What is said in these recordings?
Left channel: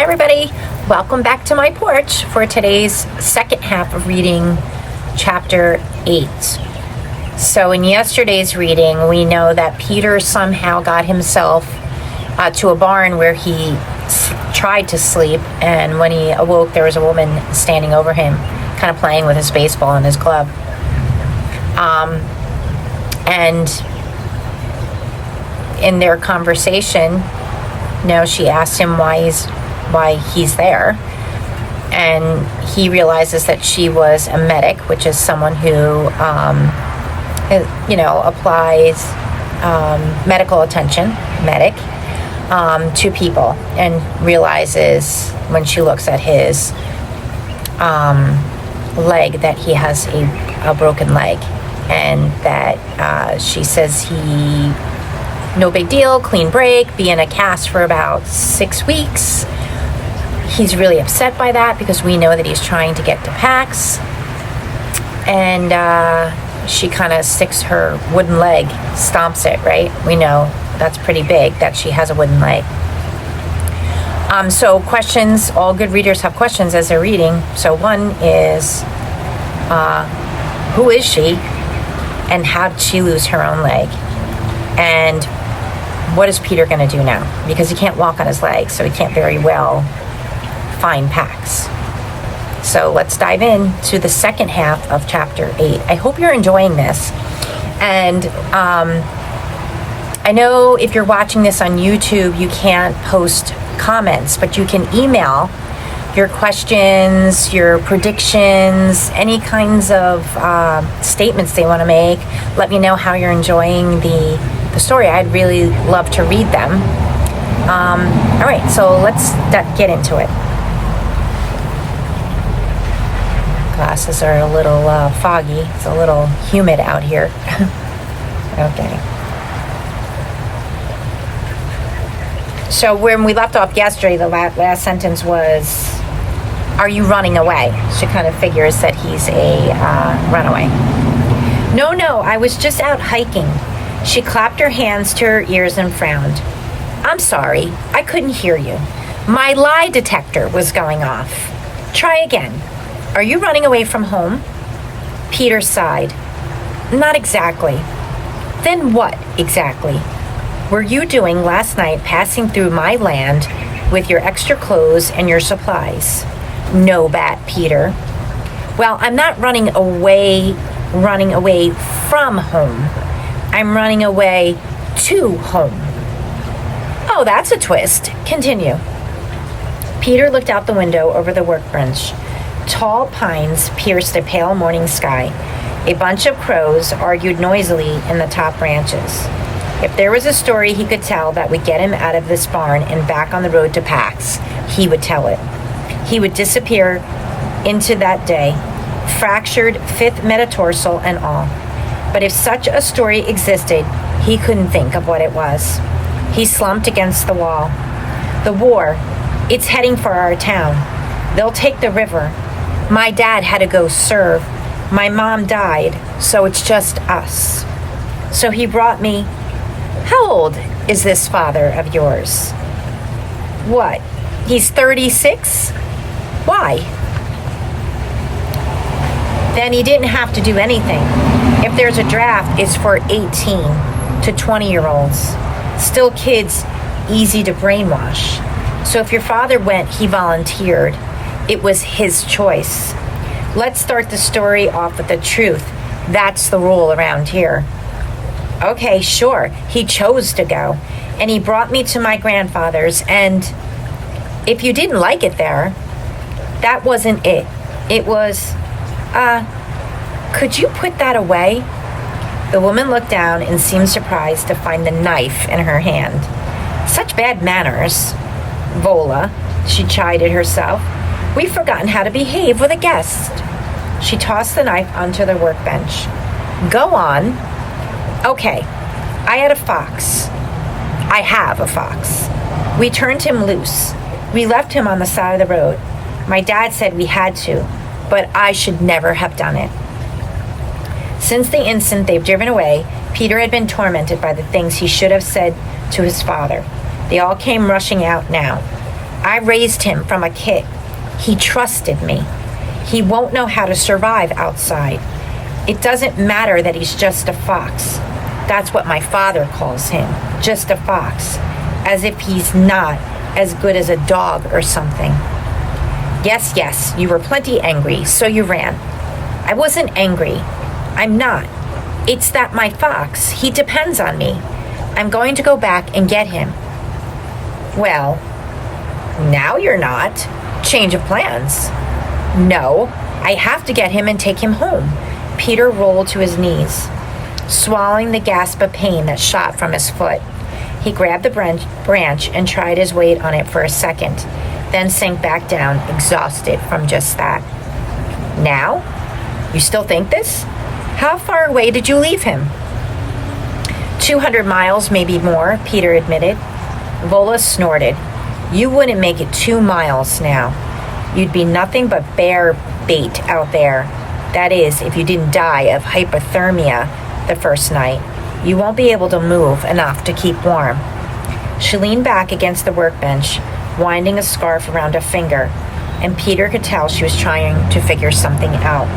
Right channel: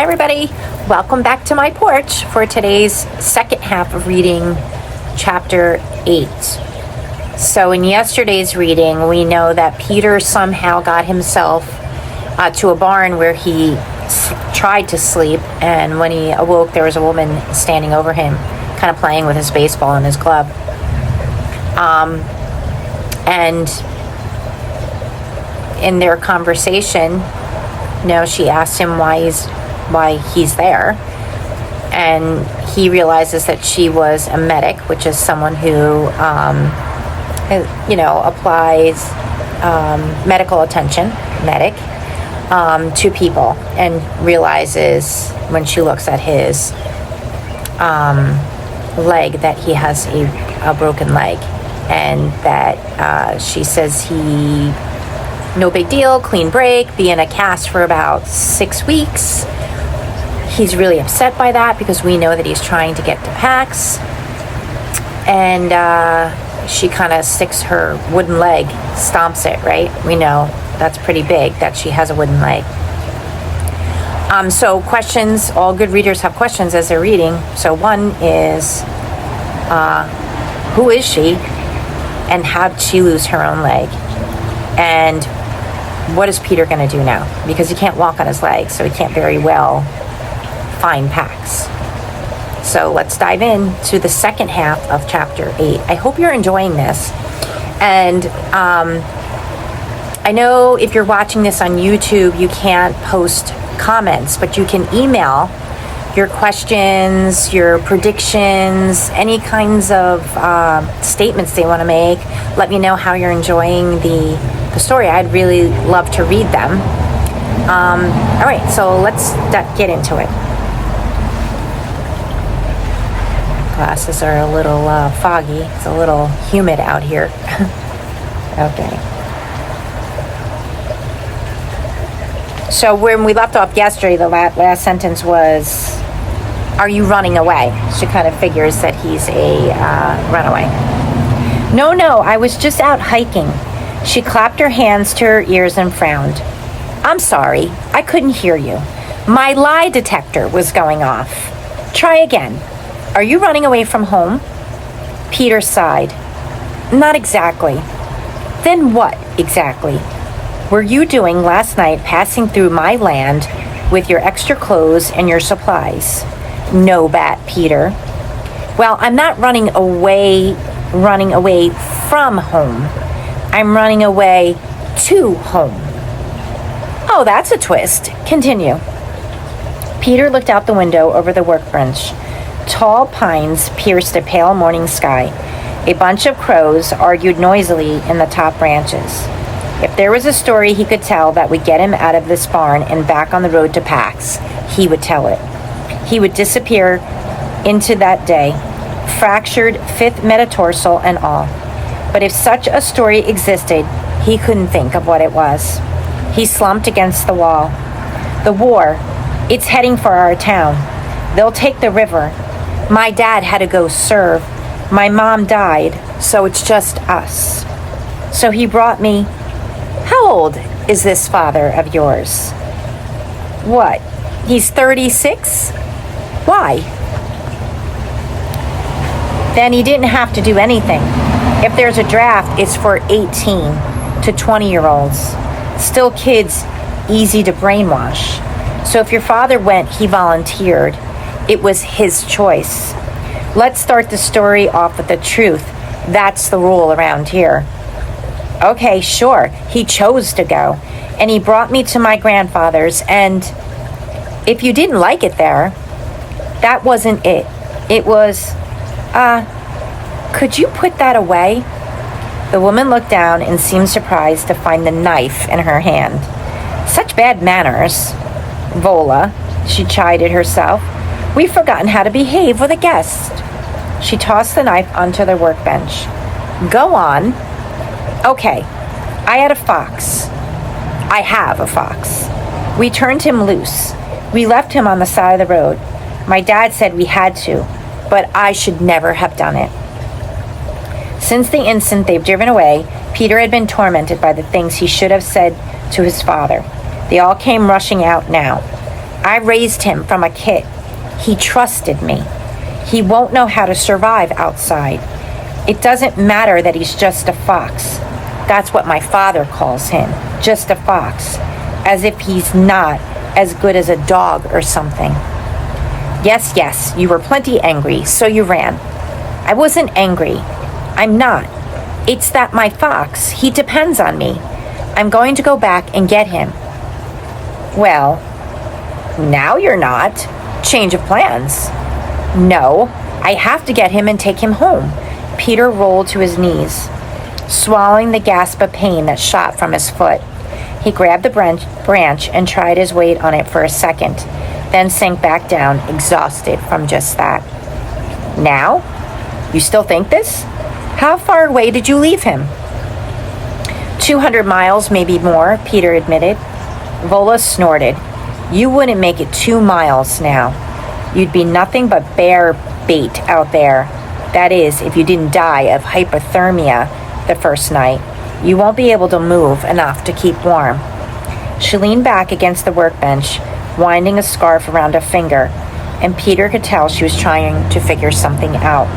Hi everybody, welcome back to my porch for today's second half of reading chapter 8. So in yesterday's reading, we know that Peter somehow got himself to a barn where he tried to sleep, and when he awoke there was a woman standing over him, kind of playing with his baseball and his glove. And in their conversation, she asked him why he's there, and he realizes that she was a medic, which is someone who applies medical attention, to people, and realizes when she looks at his leg that he has a broken leg, and that she says he no big deal, clean break, be in a cast for about 6 weeks. He's really upset by that because we know that he's trying to get to PAX. And she kind of sticks her wooden leg, stomps it, right? We know that's pretty big that she has a wooden leg. So questions, all good readers have questions as they're reading. So one is, who is she? And how did she lose her own leg? And what is Peter going to do now? Because he can't walk on his legs, so he can't very well find PAX. So let's dive in to the second half of chapter 8. I hope you're enjoying this. And I know if you're watching this on YouTube, you can't post comments, but you can email your questions, your predictions, any kinds of statements they want to make. Let me know how you're enjoying the story. I'd really love to read them. All right, so let's get into it. Glasses are a little foggy. It's a little humid out here. Okay. So when we left off yesterday, the last sentence was, "Are you running away?" She kind of figures that he's a runaway. No, I was just out hiking." She clapped her hands to her ears and frowned. "I'm sorry, I couldn't hear you. My lie detector was going off. Try again. Are you running away from home?" Peter sighed. "Not exactly." "Then what exactly were you doing last night passing through my land with your extra clothes and your supplies?" "No bat, Peter." "Well, I'm not running away from home. I'm running away to home." "Oh, that's a twist. Continue." Peter looked out the window over the workbench. Tall pines pierced a pale morning sky. A bunch of crows argued noisily in the top branches. If there was a story he could tell that would get him out of this barn and back on the road to PAX, he would tell it. He would disappear into that day, fractured fifth metatarsal and all. But if such a story existed, he couldn't think of what it was. He slumped against the wall. "The war, it's heading for our town. They'll take the river. My dad had to go serve. My mom died, so it's just us. So he brought me." "How old is this father of yours?" "What, he's 36? Why?" "Then he didn't have to do anything. If there's a draft, it's for 18 to 20-year-olds. Still kids, easy to brainwash. So if your father went, he volunteered. It was his choice. Let's start the story off with the truth. That's the rule around here." "Okay, sure. He chose to go. And he brought me to my grandfather's, and if you didn't like it there, that wasn't it. It was, could you put that away?" The woman looked down and seemed surprised to find the knife in her hand. "Such bad manners, Vola," she chided herself. "We've forgotten how to behave with a guest." She tossed the knife onto the workbench. "Go on." "Okay, I have a fox. We turned him loose. We left him on the side of the road. My dad said we had to, but I should never have done it." Since the instant they've driven away, Peter had been tormented by the things he should have said to his father. They all came rushing out now. I raised him from a kid. He trusted me. He won't know how to survive outside. It doesn't matter that he's just a fox. That's what my father calls him, just a fox, as if he's not as good as a dog or something. Yes, you were plenty angry, so you ran. I wasn't angry. I'm not. It's that my fox, he depends on me. I'm going to go back and get him. Well, now you're not. Change of plans. No, I have to get him and take him home. Peter rolled to his knees, swallowing the gasp of pain that shot from his foot. He grabbed the branch and tried his weight on it for a second, then sank back down, exhausted from just that. Now? You still think this? How far away did you leave him? 200 miles, maybe more, Peter admitted. Vola snorted. You wouldn't make it 2 miles now. You'd be nothing but bear bait out there. That is, if you didn't die of hypothermia the first night. You won't be able to move enough to keep warm. She leaned back against the workbench, winding a scarf around her finger, and Peter could tell she was trying to figure something out.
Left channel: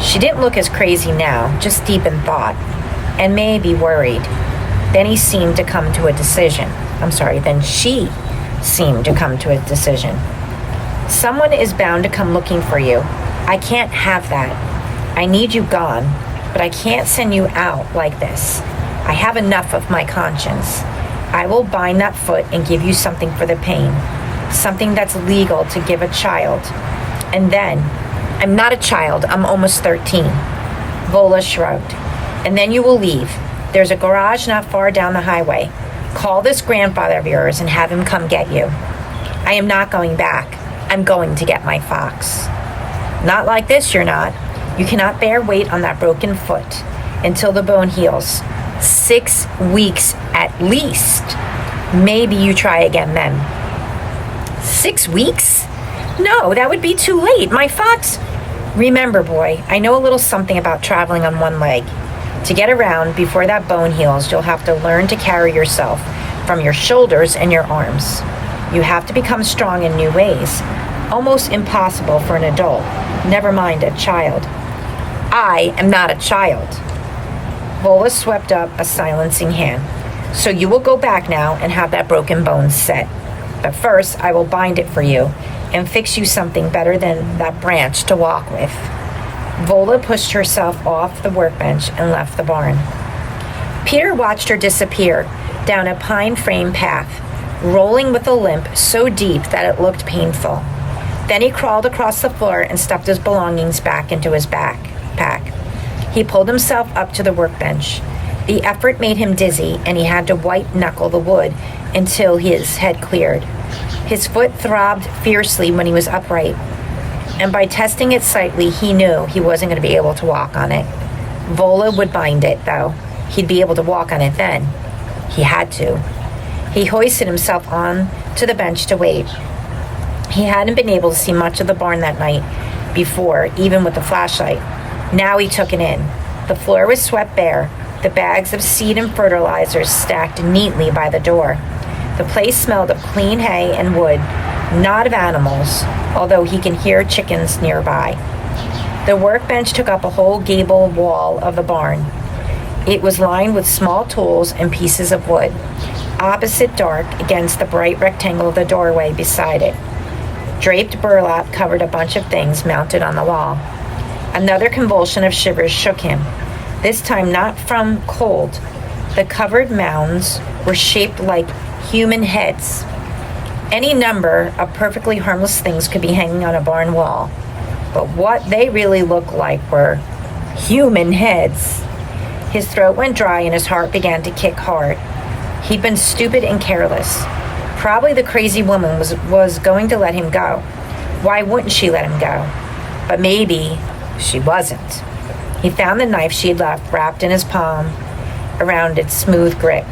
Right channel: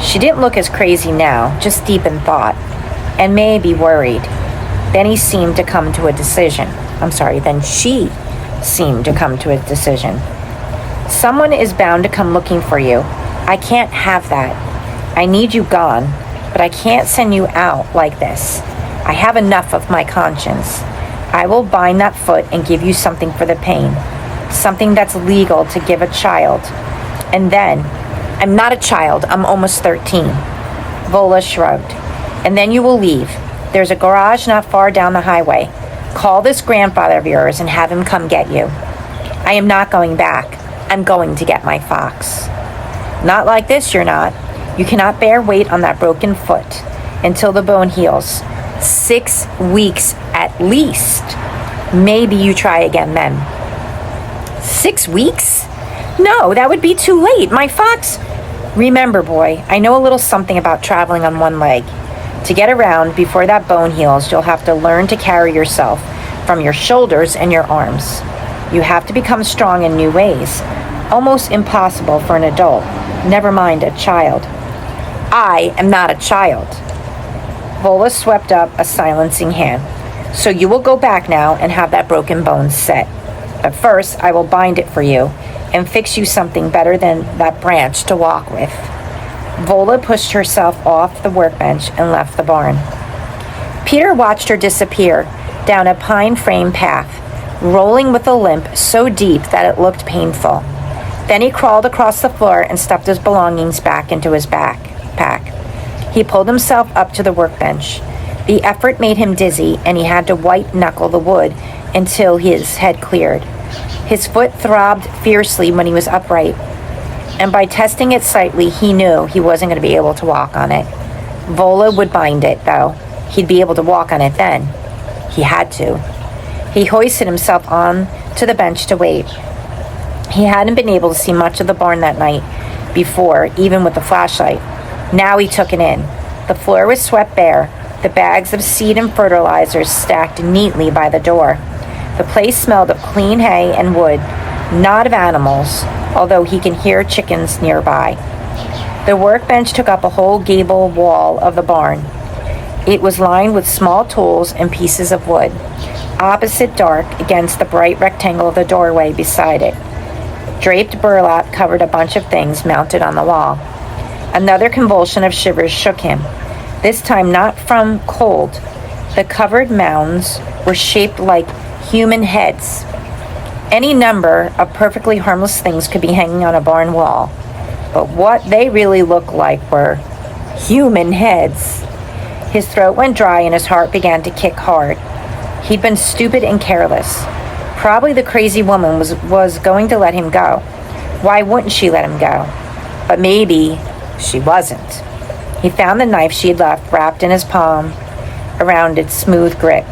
She didn't look as crazy now, just deep in thought, and maybe worried. Then she seemed to come to a decision. Someone is bound to come looking for you. I can't have that. I need you gone, but I can't send you out like this. I have enough of my conscience. I will bind that foot and give you something for the pain, something that's legal to give a child. And then, I'm not a child, I'm almost 13. Vola shrugged. And then you will leave. There's a garage not far down the highway. Call this grandfather of yours and have him come get you. I am not going back. I'm going to get my fox. Not like this, you're not. You cannot bear weight on that broken foot until the bone heals. 6 weeks at least. Maybe you try again then. 6 weeks? No, that would be too late. My fox... Remember, boy, I know a little something about traveling on one leg. To get around before that bone heals, you'll have to learn to carry yourself from your shoulders and your arms. You have to become strong in new ways. Almost impossible for an adult, never mind a child. I am not a child. Vola swept up a silencing hand. So you will go back now and have that broken bone set. But first, I will bind it for you and fix you something better than that branch to walk with. Vola pushed herself off the workbench and left the barn. Peter watched her disappear down a pine frame path, rolling with a limp so deep that it looked painful. Then he crawled across the floor and stuffed his belongings back into his backpack. He pulled himself up to the workbench. The effort made him dizzy, and he had to white-knuckle the wood until his head cleared. His foot throbbed fiercely when he was upright, and by testing it slightly, he knew he wasn't going to be able to walk on it. Vola would bind it, though. He'd be able to walk on it then. He had to. He hoisted himself on to the bench to wait. He hadn't been able to see much of the barn that night before, even with the flashlight. Now he took it in. The floor was swept bare, the bags of seed and fertilizers stacked neatly by the door. The place smelled of clean hay and wood, not of animals, although he can hear chickens nearby. The workbench took up a whole gable wall of the barn. It was lined with small tools and pieces of wood, opposite dark against the bright rectangle of the doorway beside it. Draped burlap covered a bunch of things mounted on the wall. Another convulsion of shivers shook him, this time not from cold. The covered mounds were shaped like human heads. Any number of perfectly harmless things could be hanging on a barn wall, but what they really looked like were human heads. His throat went dry and his heart began to kick hard. He'd been stupid and careless. Probably the crazy woman was going to let him go. Why wouldn't she let him go? But maybe she wasn't. He found the knife she had left wrapped in his palm around its smooth grip.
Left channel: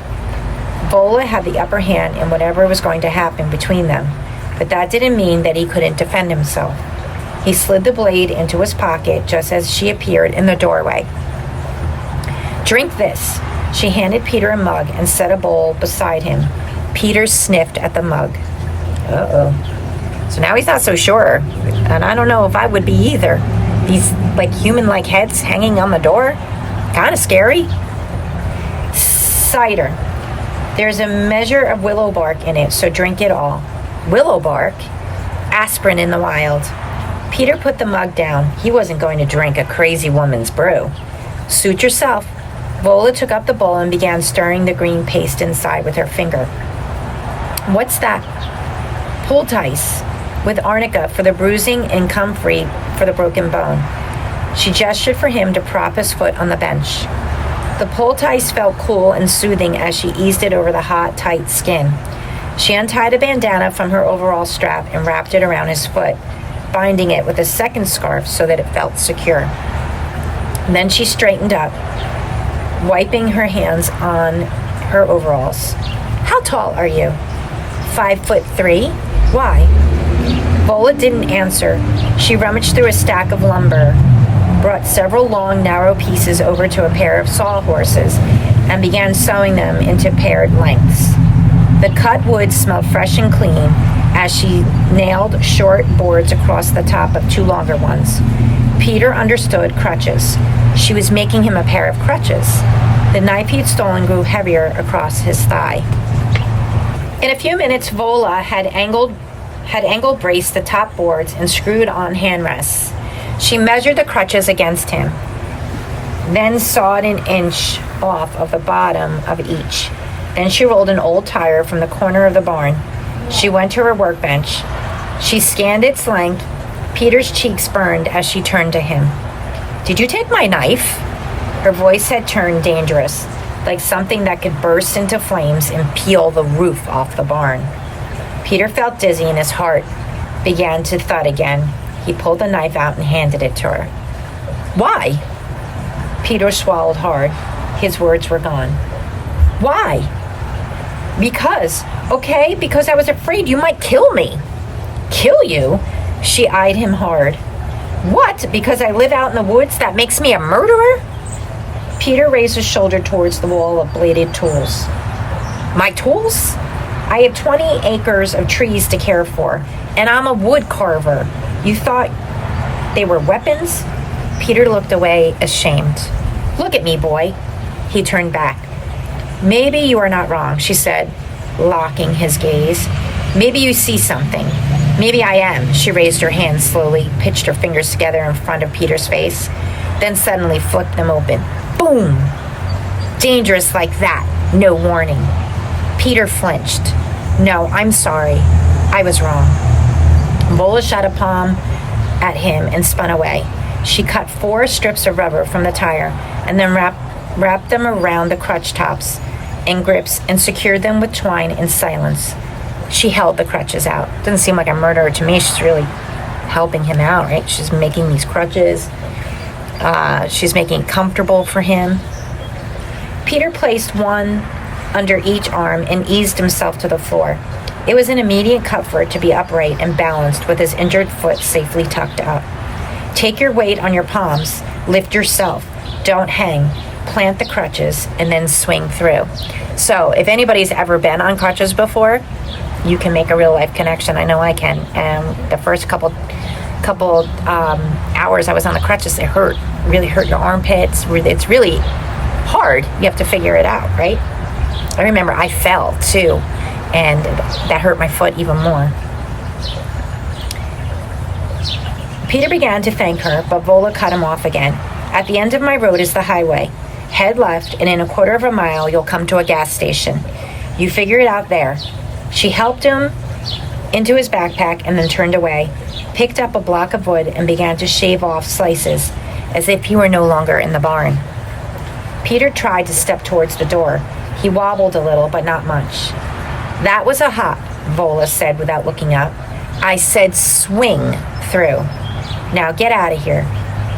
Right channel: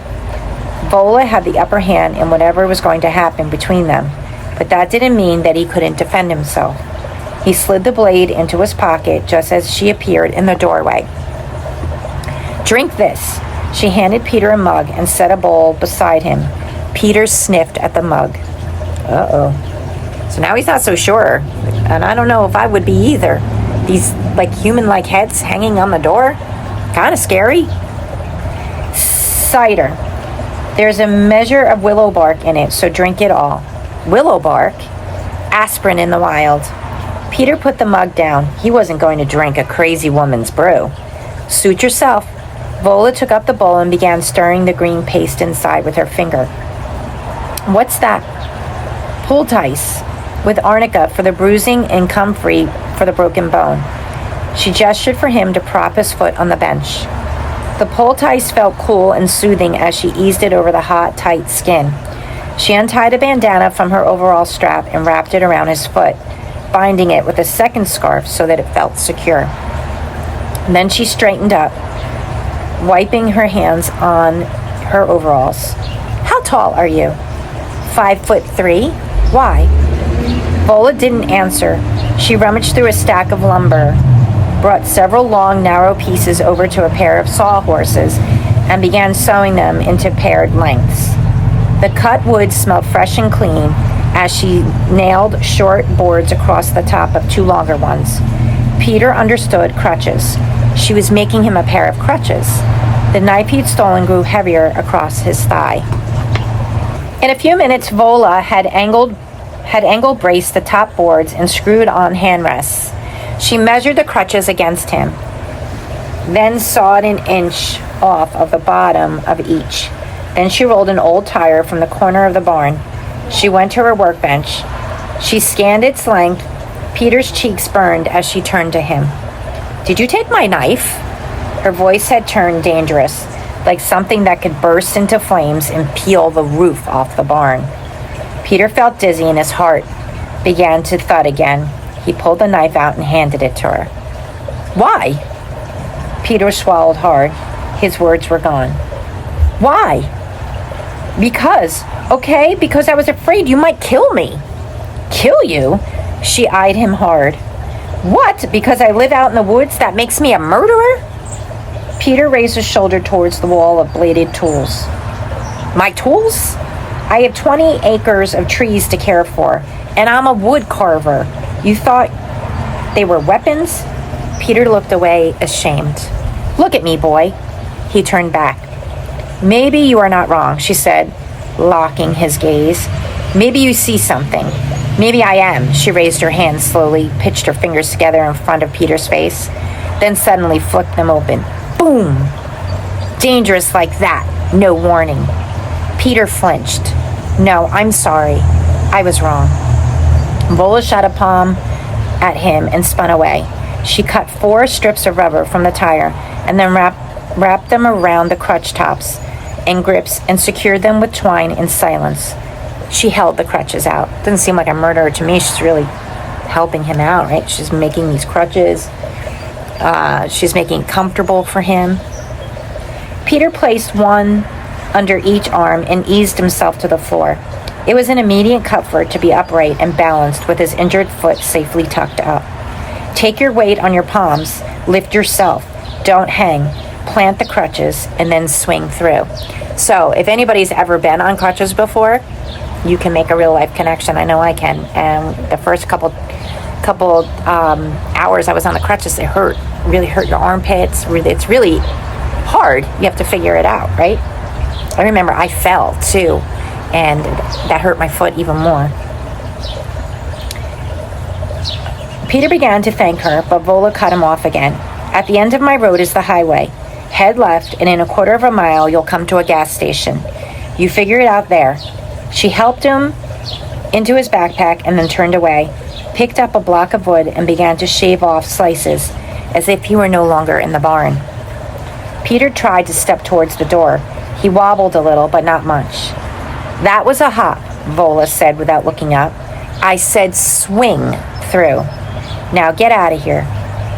Vola had the upper hand in whatever was going to happen between them, but that didn't mean that he couldn't defend himself. He slid the blade into his pocket just as she appeared in the doorway. Drink this. She handed Peter a mug and set a bowl beside him. Peter sniffed at the mug. Uh-oh. So now he's not so sure. And I don't know if I would be either. These, like, human-like heads hanging on the door. Kind of scary. Cider. There's a measure of willow bark in it, so drink it all. Willow bark? Aspirin in the wild. Peter put the mug down. He wasn't going to drink a crazy woman's brew. Suit yourself. Vola took up the bowl and began stirring the green paste inside with her finger. What's that? Poultice with arnica for the bruising and comfrey for the broken bone. She gestured for him to prop his foot on the bench. The poultice felt cool and soothing as she eased it over the hot, tight skin. She untied a bandana from her overall strap and wrapped it around his foot, binding it with a second scarf so that it felt secure. And then she straightened up, wiping her hands on her overalls. How tall are you? 5'3". Why? Vola didn't answer. She rummaged through a stack of lumber, brought several long, narrow pieces over to a pair of sawhorses, and began sewing them into paired lengths. The cut wood smelled fresh and clean as she nailed short boards across the top of two longer ones. Peter understood crutches. She was making him a pair of crutches. The knife he'd stolen grew heavier across his thigh. In a few minutes, Vola had angle braced the top boards and screwed on handrests. She measured the crutches against him, then sawed an inch off of the bottom of each. Then she rolled an old tire from the corner of the barn. She went to her workbench. She scanned its length. Peter's cheeks burned as she turned to him. Did you take my knife? Her voice had turned dangerous, like something that could burst into flames and peel the roof off the barn. Peter felt dizzy and his heart began to thud again. He pulled the knife out and handed it to her. Why? Peter swallowed hard. His words were gone. Why? Because. Okay, because I was afraid you might kill me. Kill you? She eyed him hard. What? Because I live out in the woods? That makes me a murderer? Peter raised his shoulder towards the wall of bladed tools. My tools? I have 20 acres of trees to care for, and I'm a wood carver. You thought they were weapons? Peter looked away, ashamed. Look at me, boy. He turned back. Maybe you are not wrong, she said, locking his gaze. Maybe you see something. Maybe I am. She raised her hands slowly, pitched her fingers together in front of Peter's face, then suddenly flicked them open. Boom! Dangerous like that. No warning. Peter flinched. No, I'm sorry. I was wrong. Vola shot a palm at him and spun away. She cut 4 strips of rubber from the tire and then wrapped them around the crutch tops and grips and secured them with twine in silence. She held the crutches out. Doesn't seem like a murderer to me. She's really helping him out, right? She's making these crutches. She's making it comfortable for him. Peter placed one under each arm and eased himself to the floor. It was an immediate comfort to be upright and balanced with his injured foot safely tucked up. Take your weight on your palms. Lift yourself. Don't hang. Plant the crutches and then swing through. So if anybody's ever been on crutches before, you can make a real life connection. I know I can. And the first couple hours I was on the crutches, it hurt. Really hurt your armpits. It's really hard. You have to figure it out, right? I remember I fell too, and that hurt my foot even more. Peter began to thank her, but Vola cut him off again. At the end of my road is the highway. Head left, and in a quarter of a mile, you'll come to a gas station. You figure it out there. She helped him into his backpack and then turned away, picked up a block of wood, and began to shave off slices, as if he were no longer in the barn. Peter tried to step towards the door. He wobbled a little, but not much. That was a hop, Vola said without looking up. I said swing through. Now get out of here.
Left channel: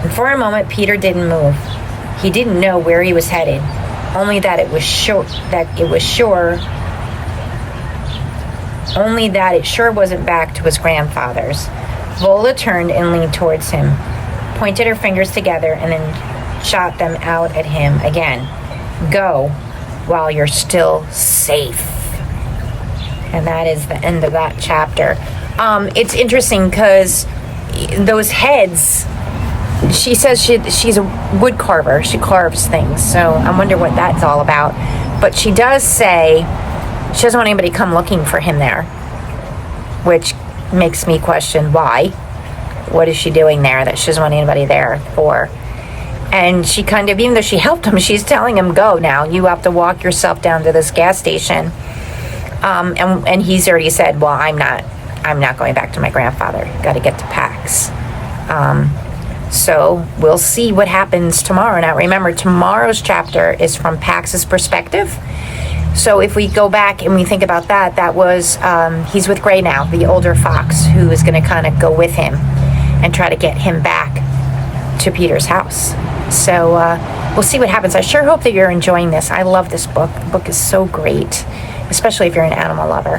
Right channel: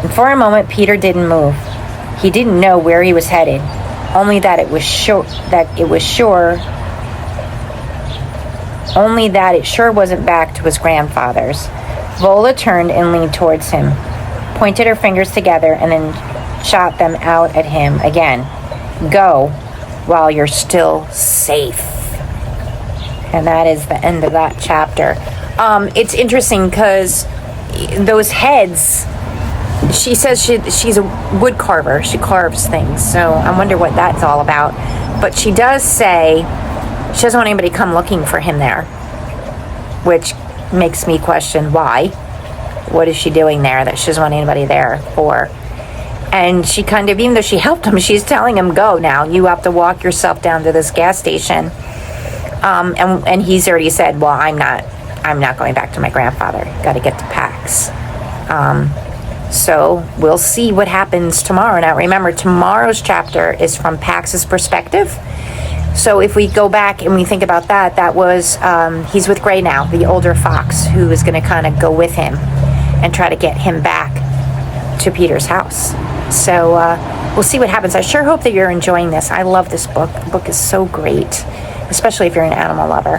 And for a moment, Peter didn't move. He didn't know where he was headed, only that it sure wasn't back to his grandfather's. Vola turned and leaned towards him, pointed her fingers together, and then shot them out at him again. Go while you're still safe. And that is the end of that chapter. It's interesting because those heads, she says she's a wood carver. She carves things. So I wonder what that's all about. But she does say she doesn't want anybody to come looking for him there, which makes me question why. What is she doing there that she doesn't want anybody there for? And she kind of, even though she helped him, she's telling him, go now. You have to walk yourself down to this gas station. And he's already said, well, I'm not going back to my grandfather. Got to get to Pax. So we'll see what happens tomorrow. Now, remember, tomorrow's chapter is from Pax's perspective. So if we go back and we think about that, that was, he's with Gray now, the older fox, who is going to kind of go with him and try to get him back to Peter's house. So we'll see what happens. I sure hope that you're enjoying this. I love this book. The book is so great, especially if you're an animal lover.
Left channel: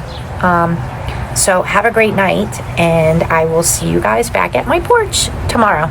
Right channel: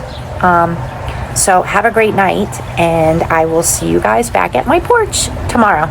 So have a great night, and I will see you guys back at my porch tomorrow.